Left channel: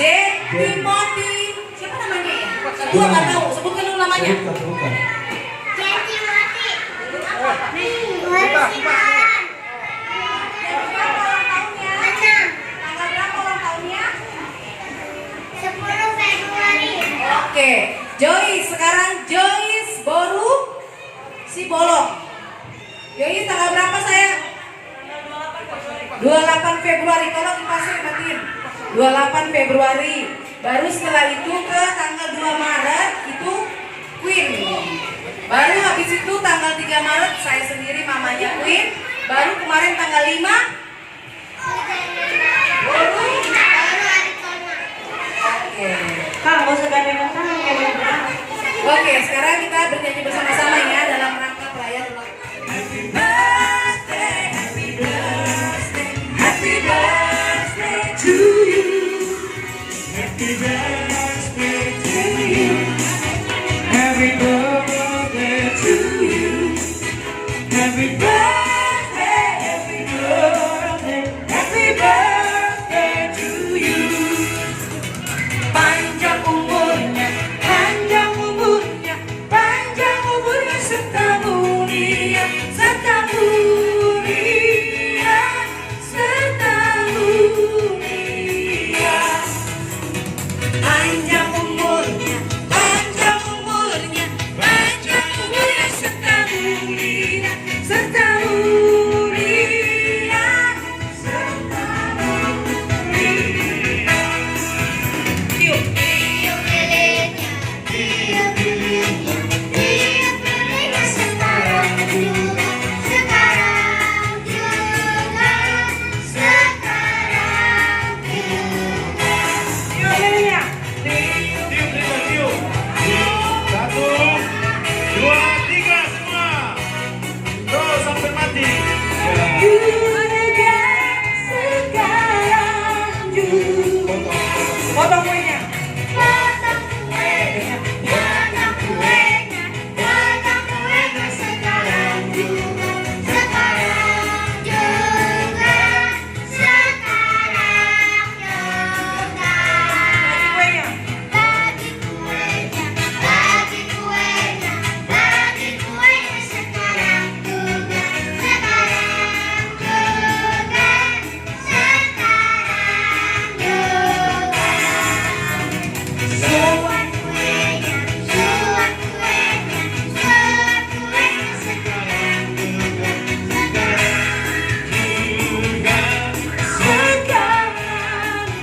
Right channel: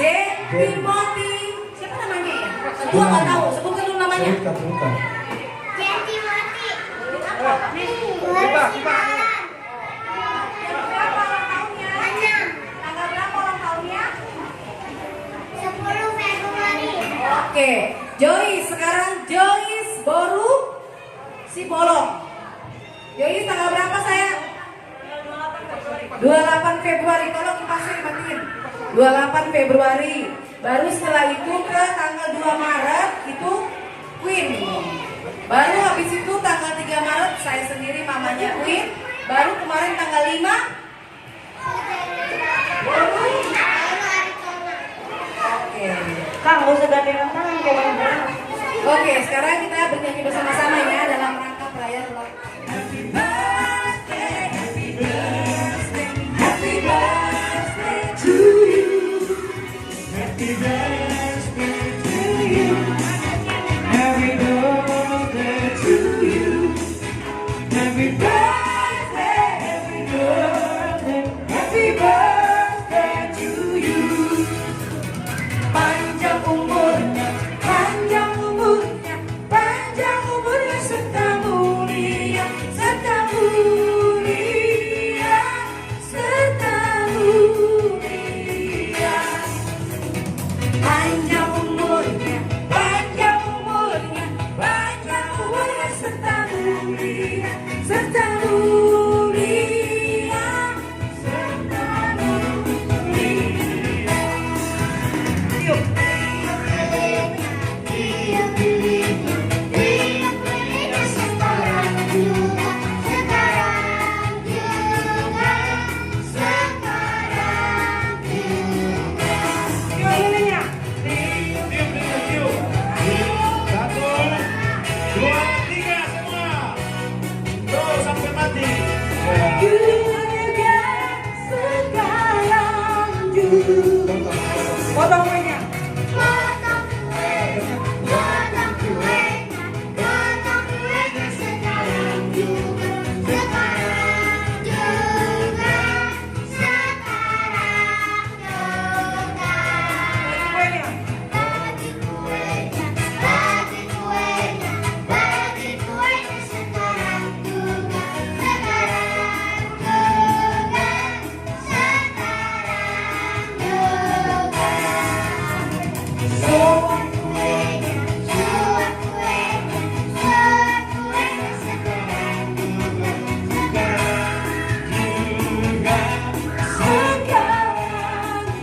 Timothy. Siapa namanya ya? Gua nggak tahu. Sebutkan dulu namanya. Oke, Joyce sekarang Joyce Boru si Bolong. Joyce tanggal berapa saya? 28 Februari. Tolong dipasang matiin. 28 Februari. Baru setelah itu ke tanggal 2 Maret itu Queen. Baru habis itu tanggal 3 Maret saya sendiri mamanya Queen. Baru kemarin tanggal 5 Boru. Oke. Kang, gak usah gantengan tangan kayak mana. Oke, sekarang kita bernyanyi bersama-sama ya dalam rangka perayaan ulang. Happy birthday, happy birthday, happy birthday to you. Happy birthday to you. Happy birthday to you. Happy birthday, happy birthday, happy birthday to you. Panjang umurnya, panjang umurnya, panjang umurnya serta mulia, serta mulia, serta mulia. Panjang umurnya, panjang umurnya, panjang umurnya serta mulia, serta mulia, serta mulia. Yuk. Potong kuenya.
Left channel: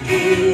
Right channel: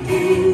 You